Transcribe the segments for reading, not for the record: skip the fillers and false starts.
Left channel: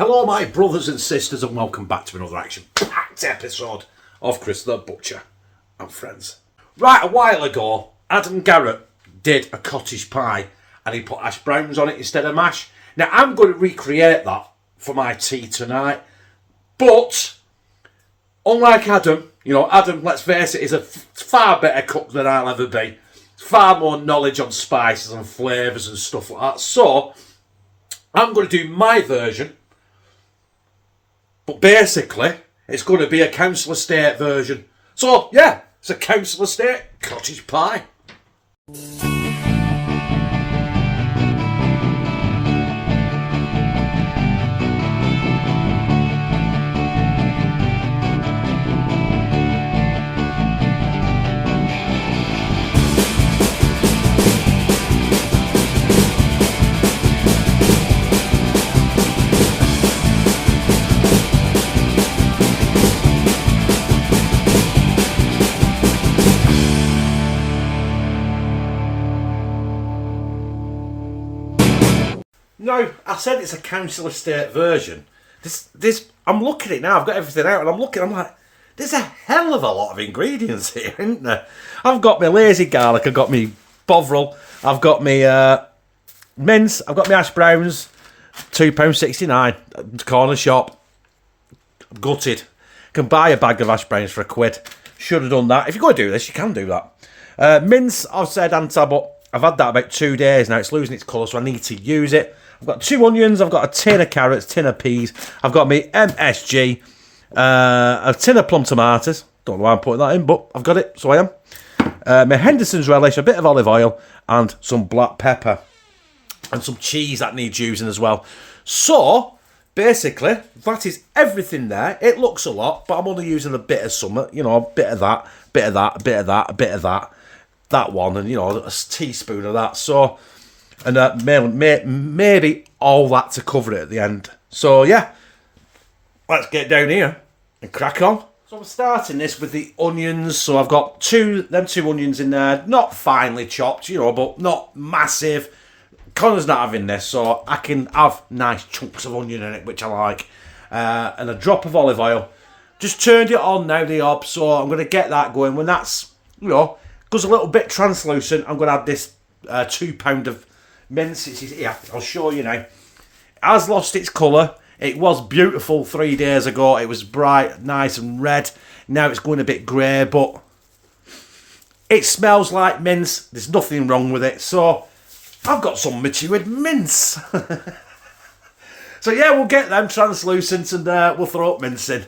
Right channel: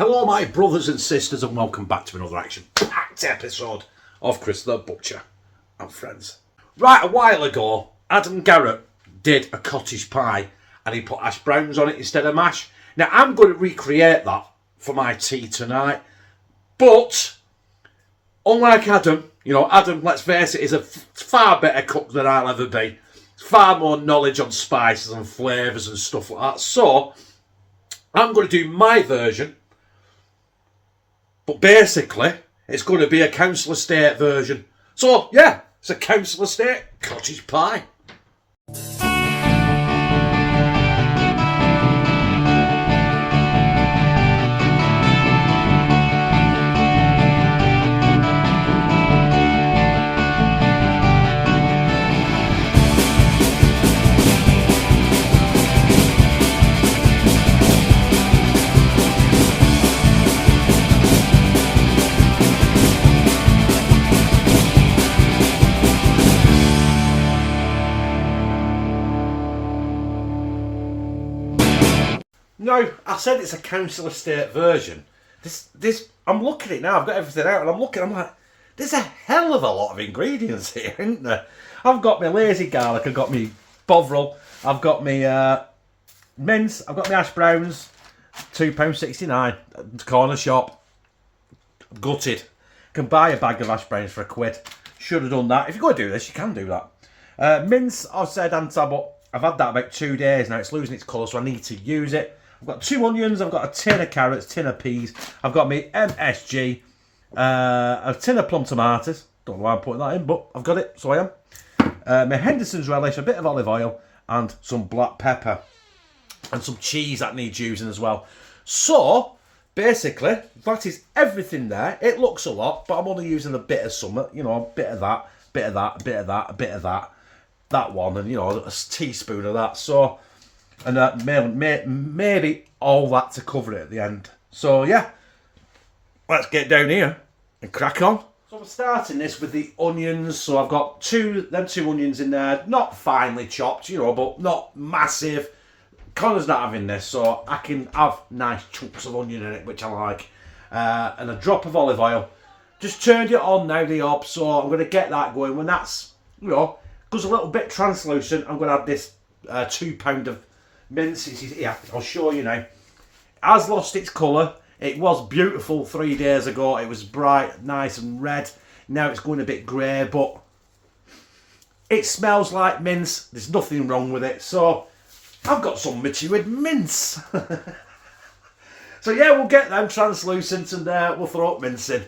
Hello my brothers and sisters and welcome back to another action-packed episode of Chris the Butcher and Friends. Right, a while ago, Adam Garratt did a cottage pie and he put hash browns on it instead of mash. Now I'm going to recreate that for my tea tonight, but unlike Adam, Adam, let's face it, is a far better cook than I'll ever be. Far more knowledge on spices and flavours and stuff like that. So I'm going to do my version. But basically, it's going to be a council estate version. So, yeah, it's a council estate cottage pie. No, I said it's a council estate version. I'm looking at it now, I've got everything out, and I'm like, there's a hell of a lot of ingredients here, isn't there? I've got my lazy garlic, I've got my bovril, I've got my mince, I've got my hash browns, £2.69, corner shop. Gutted. Can buy a bag of hash browns for £1. Should have done that. If you're going to do this, you can do that. Mince, I've said but I've had that about 2 days now. It's losing its colour, so I need to use it. I've got 2 onions, I've got a tin of carrots, tin of peas, I've got my MSG, a tin of plum tomatoes. Don't know why I'm putting that in, but I've got it, so I am. My Henderson's relish, a bit of olive oil, and some black pepper. And some cheese that needs using as well. So, basically, that is everything there. It looks a lot, but I'm only using a bit of something, a bit of that, bit of that, a bit of that, a bit of that. That one, and a teaspoon of that. So, and maybe all that to cover it at the end. So yeah, let's get down here and crack on. So I'm starting this with the onions. So I've got two onions in there, not finely chopped, but not massive. Connor's not having this, so I can have nice chunks of onion in it, which I like, and a drop of olive oil. Just turned it on now, the hob. So I'm going to get that going. When that's goes a little bit translucent, I'm going to add this £2 of mince. Here, I'll show you now. It has lost its colour. It was beautiful 3 days ago. It was bright, nice and red. Now it's going a bit grey, but it smells like mince. There's nothing wrong with it. So I've got some matured mince. So yeah, we'll get them translucent and we'll throw up mince in.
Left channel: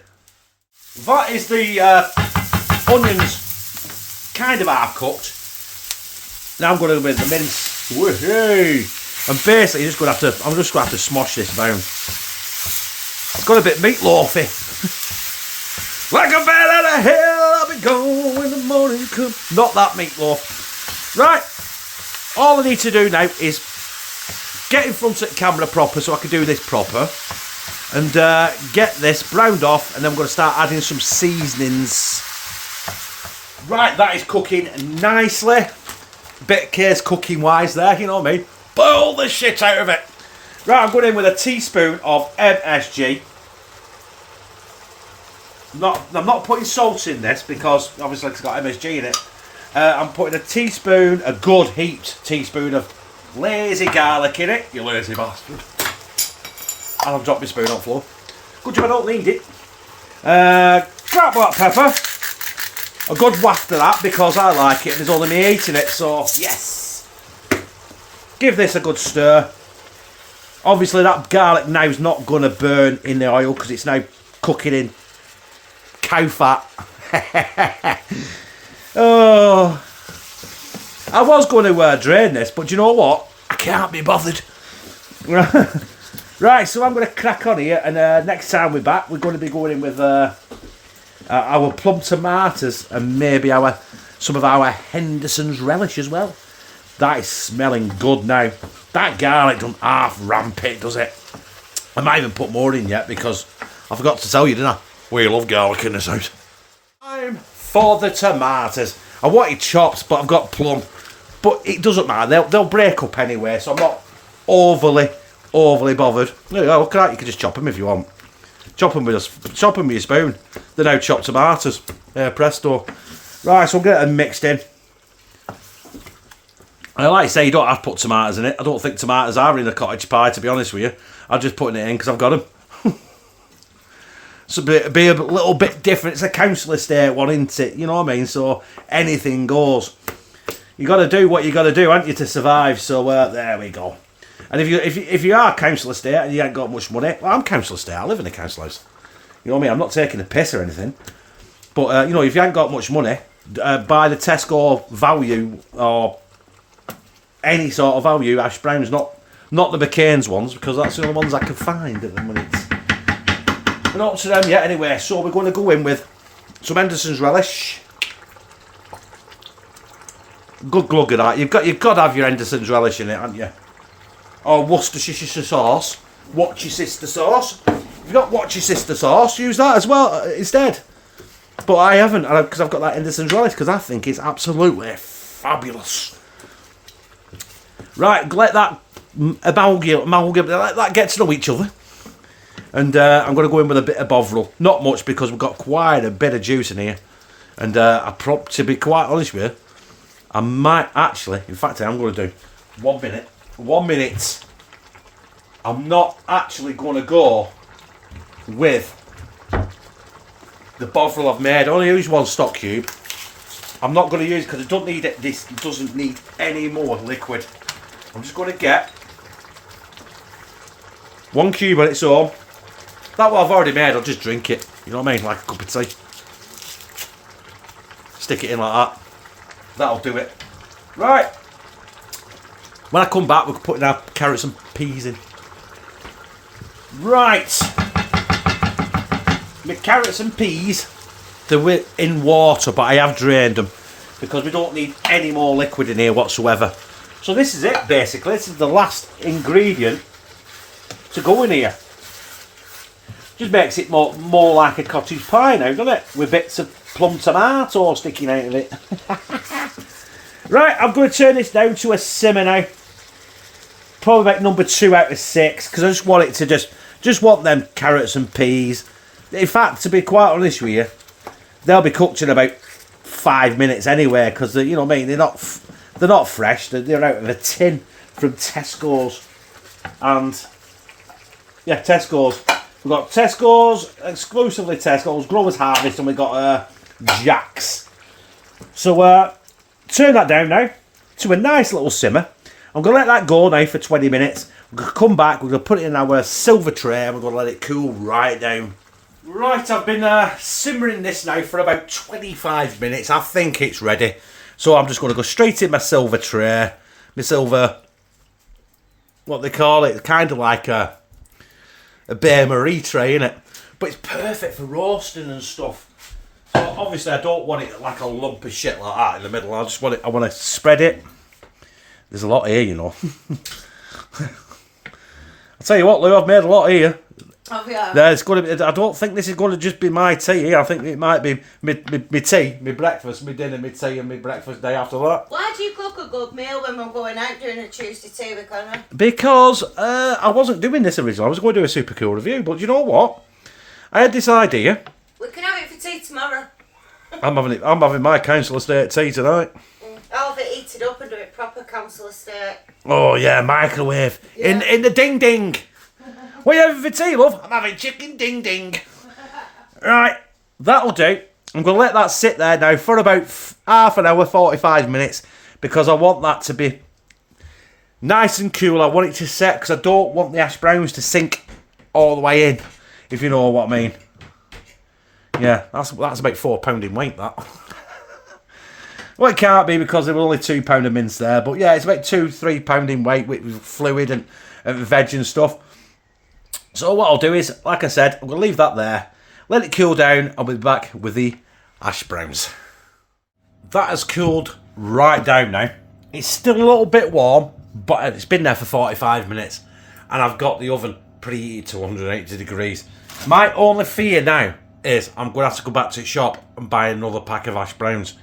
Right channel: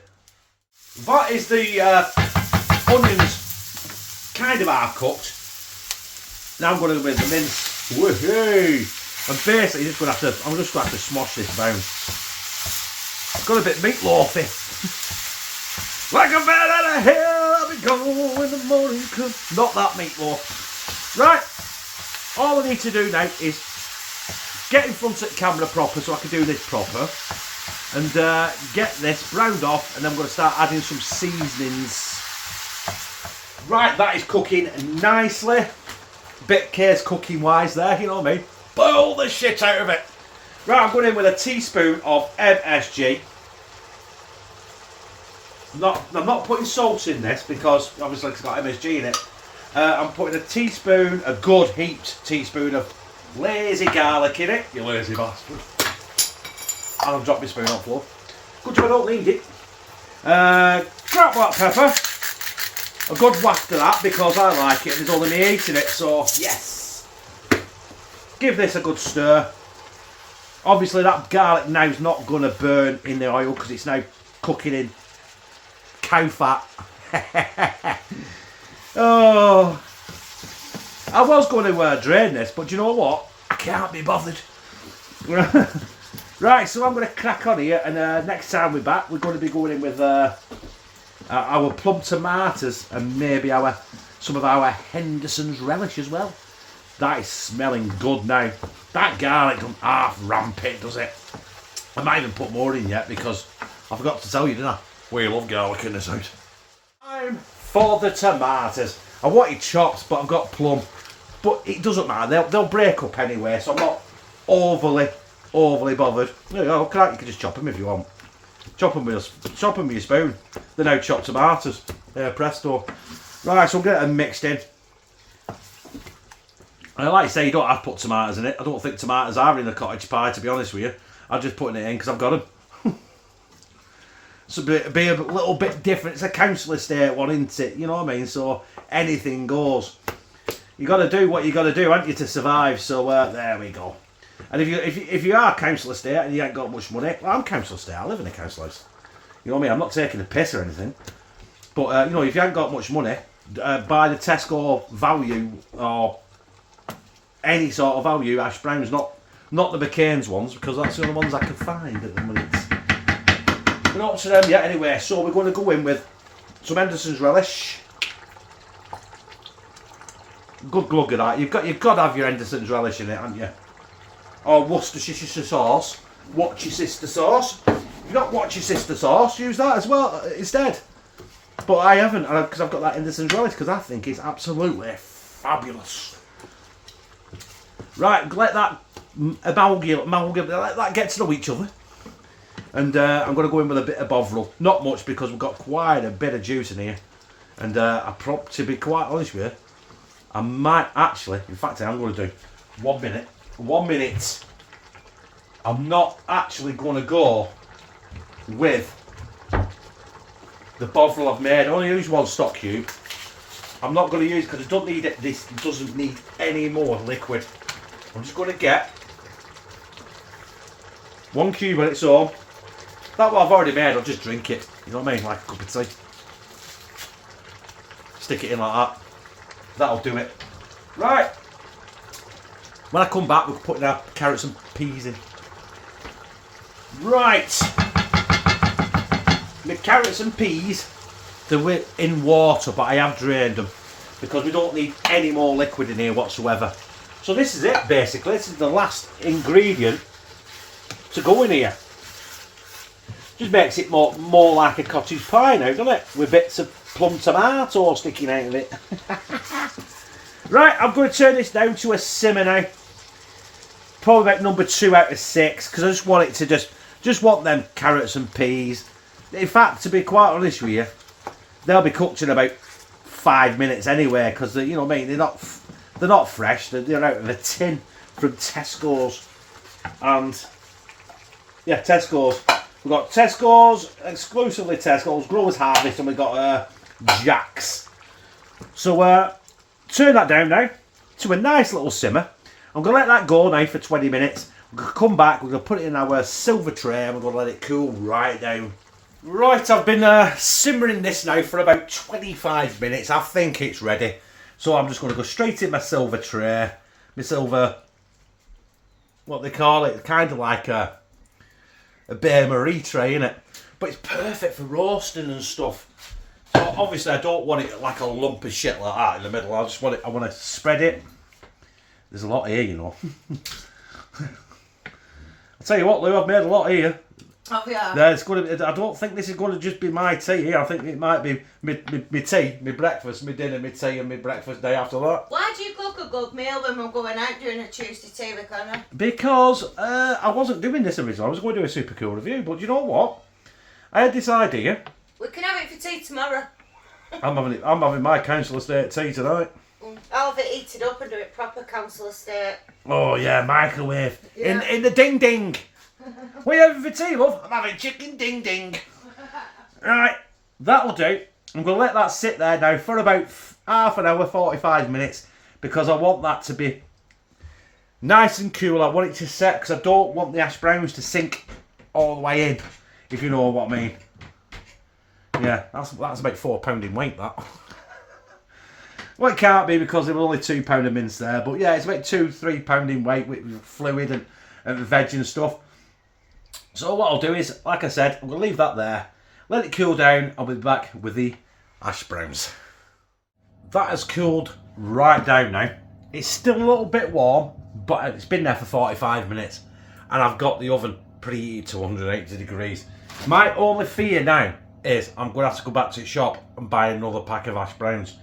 That is the onions kind of half cooked. Now I'm going to with the mince. Woohoo! And basically, I'm just going to have to smosh this down. It's got a bit meatloafy. Like a bat out of hell, I'll be gone when the morning comes. Not that meatloaf. Right. All I need to do now is get in front of the camera proper so I can do this proper. And get this browned off, and then I'm going to start adding some seasonings. Right, that is cooking nicely. Bit case cooking wise there, you know what I mean? Boil the shit out of it. Right, I'm going in with a teaspoon of MSG. I'm not putting salt in this because obviously it's got MSG in it. I'm putting a good heaped teaspoon of lazy garlic in it, you lazy bastard. And I've dropped my spoon on the floor. Good job I don't need it. Crap black pepper. A good waft of that because I like it and there's only me eating it, so yes. Give this a good stir. Obviously that garlic now is not going to burn in the oil because it's now cooking in cow fat. Oh, I was going to drain this, but you know what? I can't be bothered. Right, so I'm going to crack on here, and next time we're back, we're going to be going in with our plum tomatoes and maybe some of our Henderson's relish as well. That is smelling good now. That garlic doesn't half ramp it, does it? I might even put more in yet because I forgot to tell you, didn't I? We love garlic in this house. Time for the tomatoes. I wanted chopped, but I've got plum. But it doesn't matter. They'll break up anyway, so I'm not overly overly bothered. Look at that, you can just chop them if you want. Chop them with your spoon. They're now chopped tomatoes. Presto. Right, so I'm getting them mixed in. I like to say you don't have to put tomatoes in it. I don't think tomatoes are in a cottage pie, to be honest with you. I'm just putting it in because I've got them. So be a little bit different. It's a council estate one, isn't it? You know what I mean? So anything goes. You got to do what you got to do, haven't you, to survive? So there we go. And if you are council estate and you ain't got much money, well, I'm council estate. I live in a council house. You know what I mean? I'm not taking a piss or anything. But you know, if you ain't got much money, buy the Tesco value or any sort of value hash browns, not the McCain's ones, because that's the only ones I can find at the minute. We're not up to them yet anyway, so we're going to go in with some Henderson's relish. Good glug of that. You've got to have your Henderson's relish in it, haven't you? Or Worcestershire sauce. Watch your sister sauce. If you've got watch your sister sauce, use that as well instead. But I haven't, because I've got that Henderson's relish, because I think it's absolutely fabulous. Right, let that amalgam, let that get to know each other. And I'm going to go in with a bit of bovril. Not much, because we've got quite a bit of juice in here. And to be quite honest with you, I might actually, in fact, I'm going to do 1 minute. 1 minute. I'm not actually going to go with the bovril I've made. I only use 1 stock cube. I'm not going to use, because it don't need it. This doesn't need any more liquid. I'm just going to get 1 cube on its own. That what I've already made, I'll just drink it. You know what I mean? Like a cup of tea. Stick it in like that. That'll do it. Right. When I come back, we're putting our carrots and peas in. Right. My carrots and peas, they're in water, but I have drained them because we don't need any more liquid in here whatsoever. So this is it, basically. This is the last ingredient to go in here. Just makes it more like a cottage pie now, doesn't it? With bits of plum tomato sticking out of it. Right, I'm going to turn this down to a simmer now. Probably about number 2 out of 6, because I just want it to just want them carrots and peas. In fact, to be quite honest with you, they'll be cooked in about 5 minutes anyway, because you know what I mean, they're not fresh. They're out of a tin from Tesco's, and yeah, Tesco's. We've got Tesco's, exclusively Tesco's, Growers Harvest, and we've got Jack's. So turn that down now to a nice little simmer. I'm going to let that go now for 20 minutes. We're going to come back, we're going to put it in our silver tray, and we're going to let it cool right down. Right, I've been simmering this now for about 25 minutes. I think it's ready. So I'm just going to go straight in my silver tray. My silver, what they call it, kind of like a Bain Marie tray, innit? But it's perfect for roasting and stuff. So obviously I don't want it like a lump of shit like that in the middle. I want to spread it. There's a lot here, you know. I'll tell you what, Lou, I've made a lot here. Oh, yeah. Yeah, it's going to. I don't think this is going to just be my tea here. I think it might be my tea, my breakfast, my dinner, my tea, and my breakfast day after that. Why do you cook a good meal when we're going out doing a Tuesday tea with Connor? Because I wasn't doing this originally. I was going to do a super cool review, but you know what? I had this idea. We can have it for tea tomorrow. I'm having my council estate tea tonight. I'll have it heated up and do it proper council estate. Oh yeah, microwave. Yeah. In the ding ding. What are you having for tea, love? I'm having chicken ding ding. Right, that'll do. I'm going to let that sit there now for about half an hour, 45 minutes, because I want that to be nice and cool. I want it to set, because I don't want the hash browns to sink all the way in, if you know what I mean. Yeah, that's about £4 in weight, that. Well, it can't be, because there were only £2 of mince there, but yeah, it's about £2-3 in weight with fluid and veg and stuff. So what I'll do is, like I said, I'm going to leave that there, let it cool down. I'll be back with the hash browns. That has cooled right down now. It's still a little bit warm, but it's been there for 45 minutes, and I've got the oven preheated to 180 degrees. My only fear now is I'm going to have to go back to the shop and buy another pack of hash browns,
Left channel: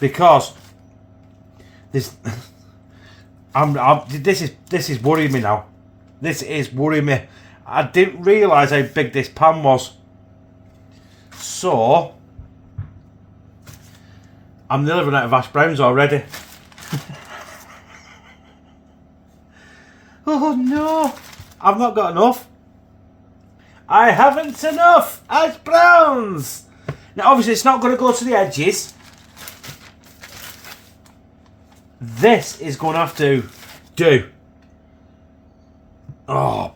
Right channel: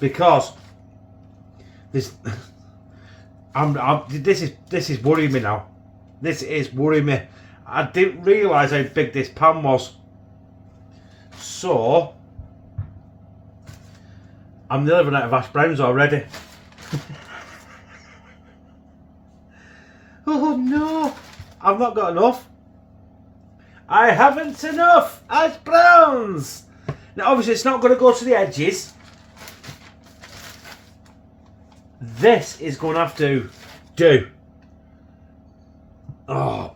because this is worrying me now. This is worrying me. I didn't realise how big this pan was. So, I'm nearly running out of hash browns already. Oh no, I've not got enough. I haven't enough hash browns. Now obviously it's not going to go to the edges. This is going to have to do. Oh,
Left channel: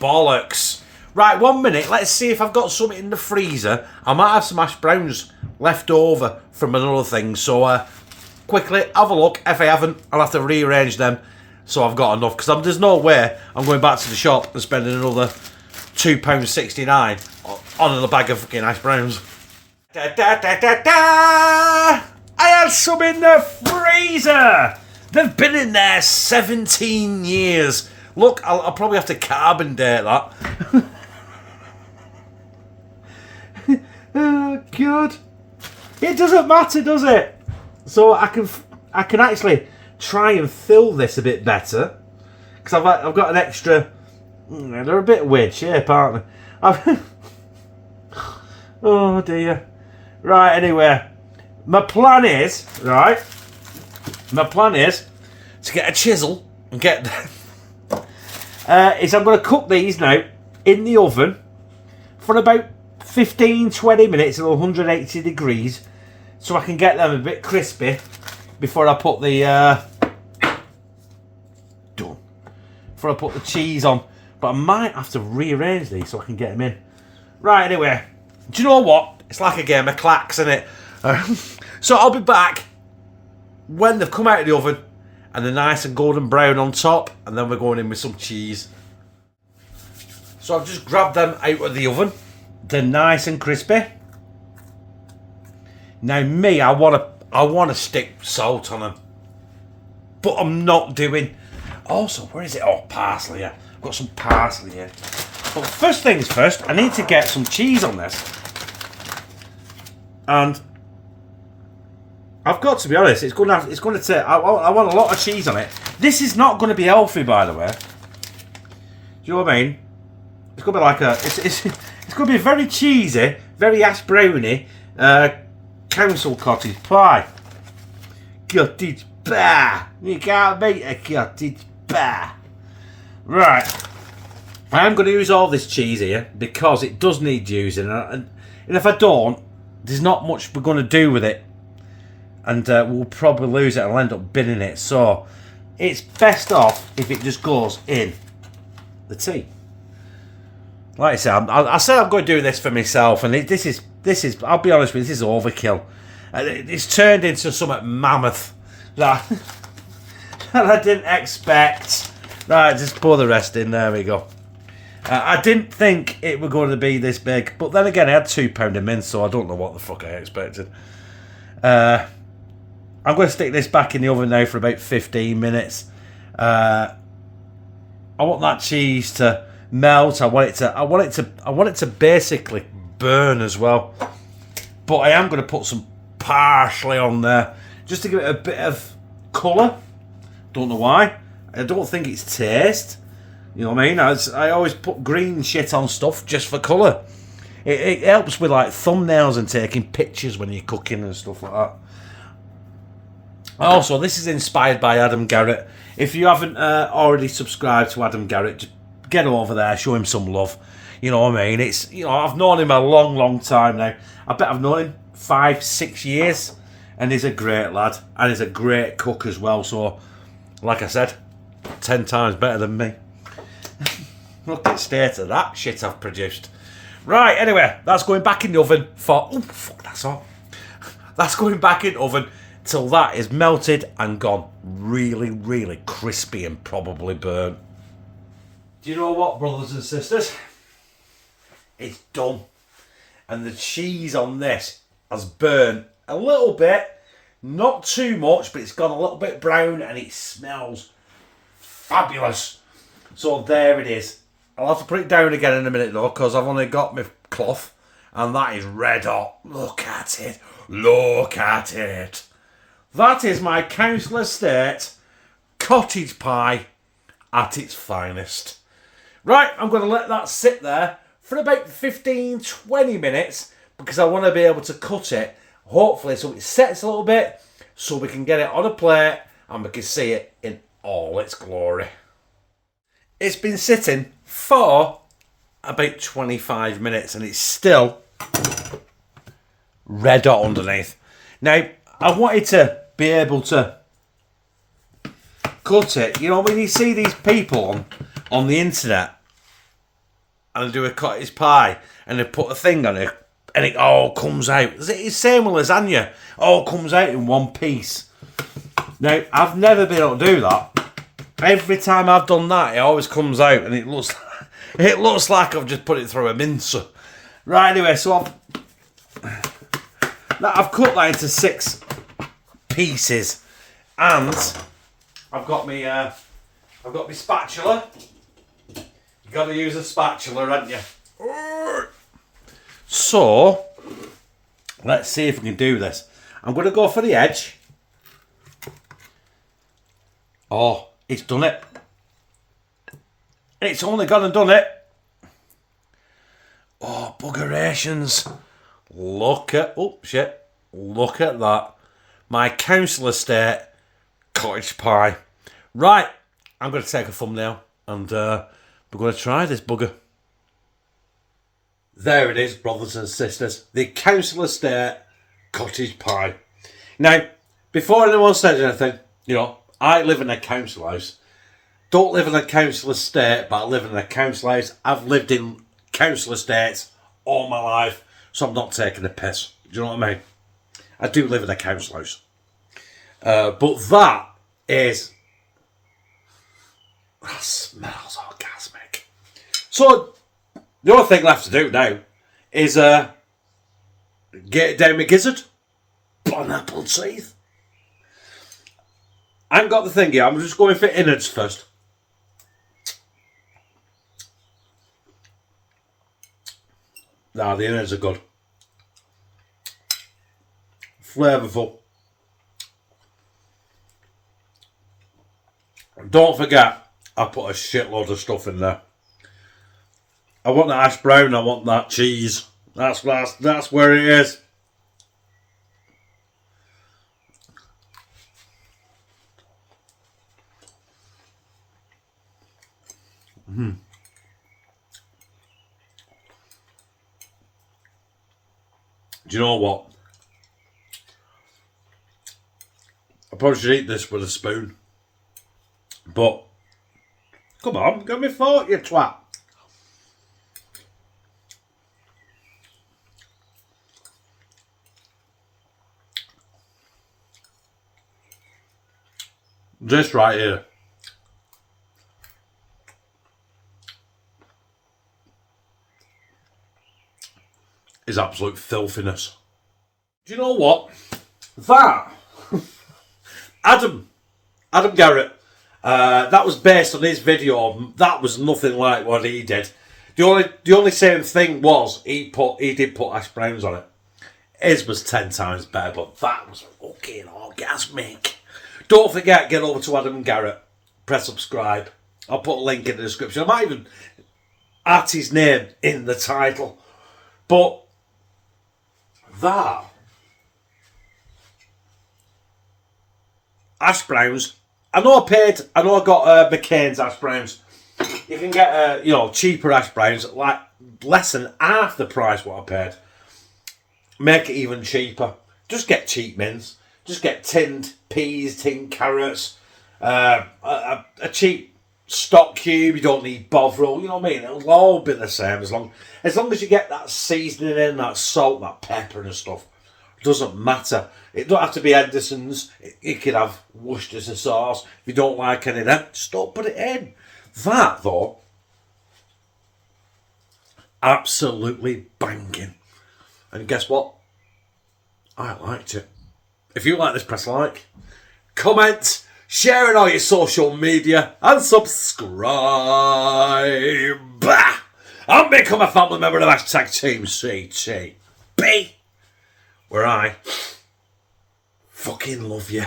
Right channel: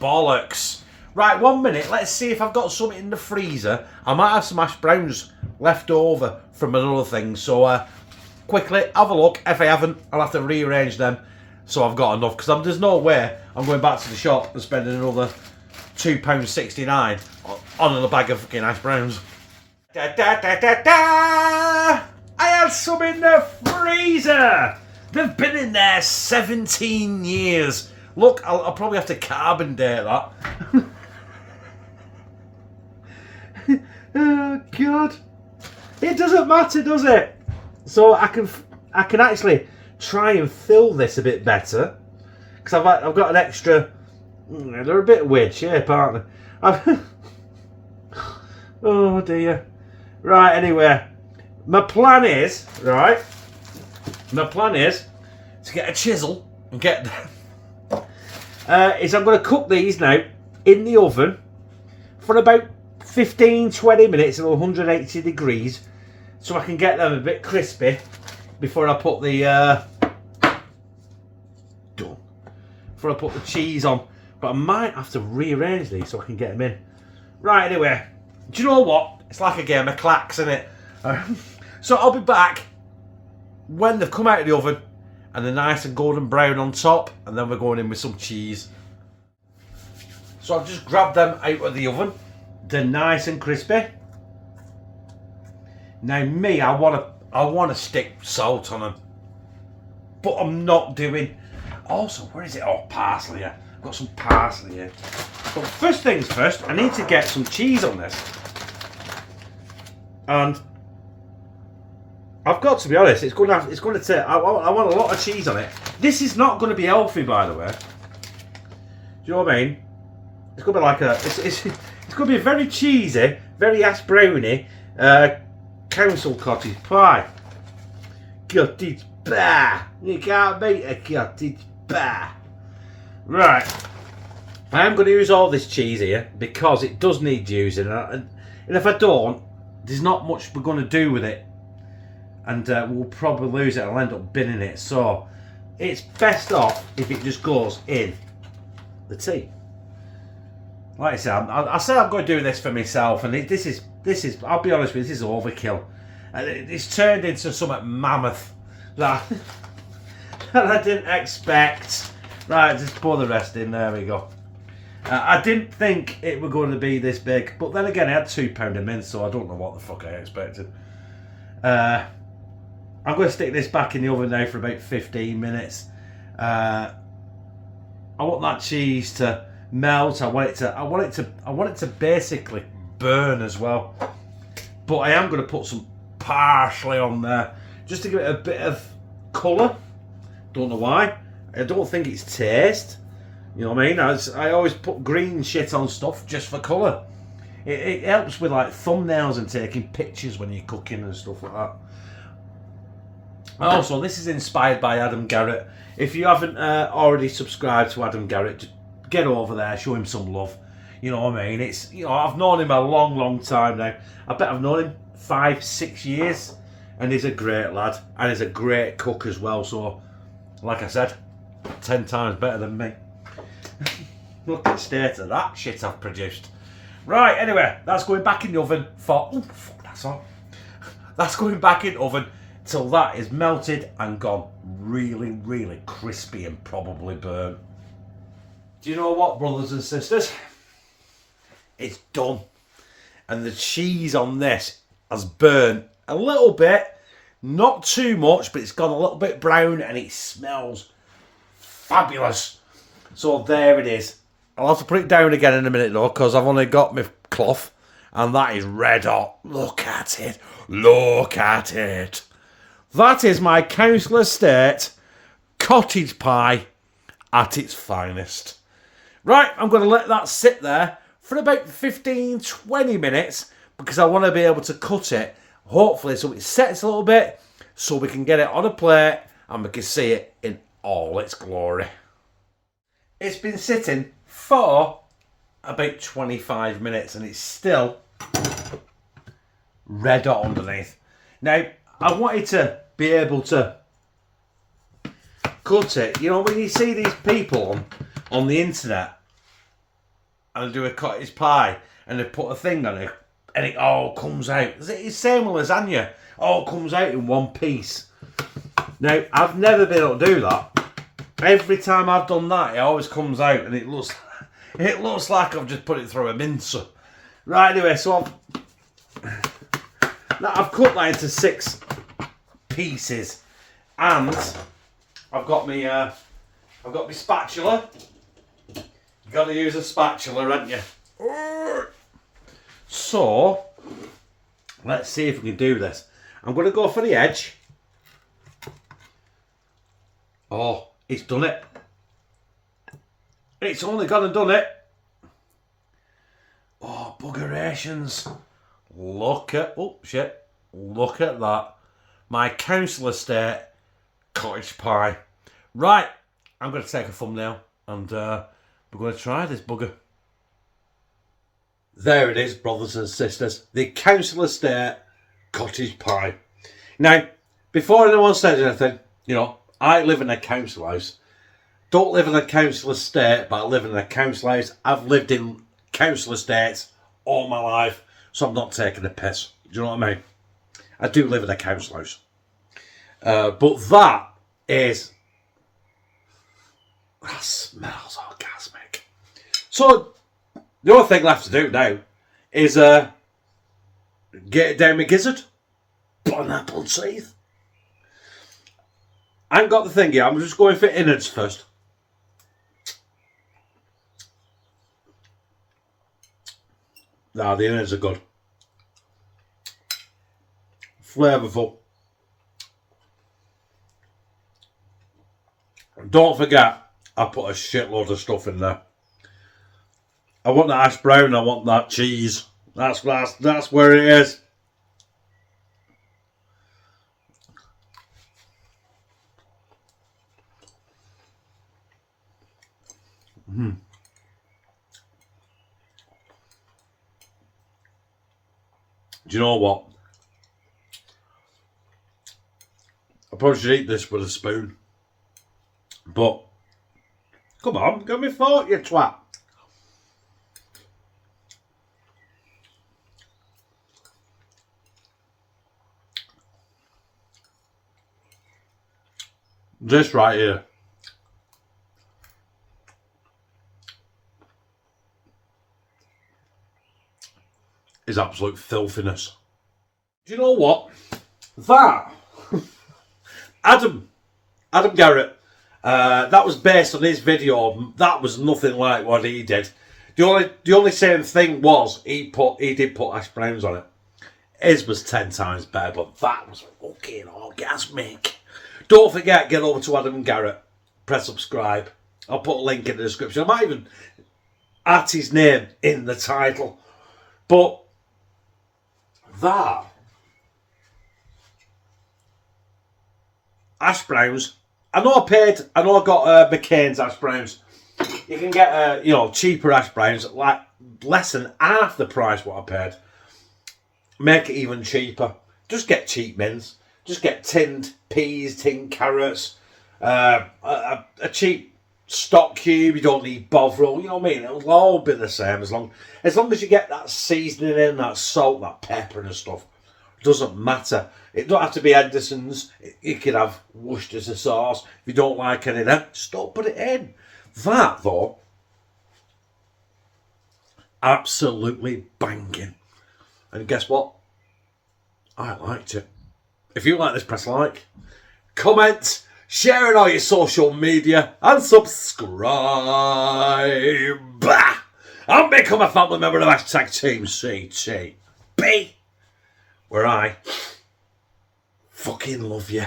bollocks. Right, 1 minute. Let's see if I've got something in the freezer. I might have some hash browns left over from another thing. So quickly, have a look. If I haven't, I'll have to rearrange them so I've got enough. Because there's no way I'm going back to the shop and spending another £2.69 on a bag of fucking hash browns. Da, da, da, da, da! I had some in the freezer! They've been in there 17 years. Look, I'll probably have to carbon date that. Oh, God. It doesn't matter, does it? So I can actually try and fill this a bit better. Because I've got an extra... They're a bit weird shape, aren't they? Oh, dear. Right, anyway. My plan is to get a chisel and get... is I'm going to cook these now in the oven for about 15-20 minutes at 180 degrees so I can get them a bit crispy before I put the before I put the cheese on. But I might have to rearrange these so I can get them in. Right, anyway, do you know what? It's like a game of clacks, isn't it? So I'll be back when they've come out of the oven and they're nice and golden brown on top, and then we're going in with some cheese. So I've just grabbed them out of the oven. They're nice and crispy. Now me, I want to stick salt on them, but I'm not doing. Also, where is it? Oh, parsley. Yeah, I've got some parsley here. But first things first, I need to get some cheese on this, and I've got to be honest. It's going to take. I want a lot of cheese on it. This is not going to be healthy, by the way. Do you know what I mean? It's going to be like a. It's going to be a very cheesy, very ash browny council cottage pie. Cottage pie. You can't beat a cottage pie. Right. I am going to use all this cheese here because it does need using, and if I don't, there's not much we're going to do with it. And we'll probably lose it. I'll end up binning it. So it's best off if it just goes in the tea. Like I said, I said I'm going to do this for myself, and this is. I'll be honest with you, this is overkill. It's turned into something mammoth that I didn't expect. Right, just pour the rest in. There we go. I didn't think it was going to be this big, but then again, I had £2 of mince, so I don't know what the fuck I expected. I'm going to stick this back in the oven now for about 15 minutes. I want that cheese to melt. I want it to basically burn as well. But I am going to put some parsley on there just to give it a bit of colour. Don't know why. I don't think it's taste. You know what I mean? I always put green shit on stuff just for colour. It helps with like thumbnails and taking pictures when you're cooking and stuff like that. Also, this is inspired by Adam Garratt. If you haven't already subscribed to Adam Garratt, just get over there, show him some love. You know what I mean? It's, you know, I've known him a long, long time now. I bet I've known him 5-6 years, and he's a great lad, and he's a great cook as well. So, like I said, 10 times better than me. Look at the state of that shit I've produced. Right, anyway, that's going back in the oven for... Oh, fuck, that's hot. That's going back in the oven till that is melted and gone really, really crispy and probably burnt. Do you know what, brothers and sisters? It's done. And the cheese on this has burnt a little bit. Not too much, but it's gone a little bit brown and it smells fabulous. So there it is. I'll have to put it down again in a minute though, because I've only got my cloth and that is red hot. Look at it. Look at it. That is my council estate cottage pie at its finest. Right, I'm going to let that sit there for about 15-20 minutes because I want to be able to cut it, hopefully, so it sets a little bit, so we can get it on a plate and we can see it in all its glory. It's been sitting for about 25 minutes and it's still red hot underneath. Now, I wanted to be able to cut it. You know, when you see these people on the internet and they do a cottage pie and they put a thing on it and it all comes out. It's the same with lasagna. All comes out in one piece. Now, I've never been able to do that. Every time I've done that, it always comes out and it looks like I've just put it through a mincer. Right, anyway, so I've cut that into 6 pieces, and I've got my spatula. You got to use a spatula, haven't you? So let's see if we can do this. I'm going to go for the edge. Oh, it's done it. It's only gone and done it. Oh, buggerations. Look at that. My council estate cottage pie. Right, I'm going to take a thumbnail and we're going to try this bugger. There it is, brothers and sisters. The council estate cottage pie. Now, before anyone says anything, you know, I live in a council house. Don't live in a council estate, but I live in a council house. I've lived in council estates all my life, so I'm not taking a piss. Do you know what I mean? I do live in a council house. But that smells orgasmic. So, the only thing left to do now is get it down my gizzard. Pineapple teeth. I ain't got the thing yet. I'm just going for innards first. Nah, the innards are good. Flavourful. Don't forget, I put a shitload of stuff in there. I want that hash brown, I want that cheese. That's where it is. Do you know what? I probably should eat this with a spoon. But, come on, give me fork, you twat. This right here. Is absolute filthiness. Do you know what? That Adam Garratt. That was based on his video. That was nothing like what he did. The only same thing was he did put hash browns on it. His was 10 times better, but that was fucking orgasmic. Don't forget, get over to Adam Garratt. Press subscribe. I'll put a link in the description. I might even add his name in the title. But that hash browns. I know I got McCain's hash browns. You can get cheaper hash browns, like less than half the price what I paid. Make it even cheaper. Just get cheap mins. Just get tinned peas, tinned carrots, a cheap stock cube. You don't need Bovril. You know what I mean? It'll all be the same as long as you get that seasoning in, that salt, that pepper and stuff. It doesn't matter. It don't have to be Henderson's. You could have Worcestershire sauce. If you don't like any of that, just don't put it in. That though, absolutely banging. And guess what? I liked it. If you like this, press like, comment, share it on your social media, and subscribe. And become a family member of #Team CTB, where I fucking love you.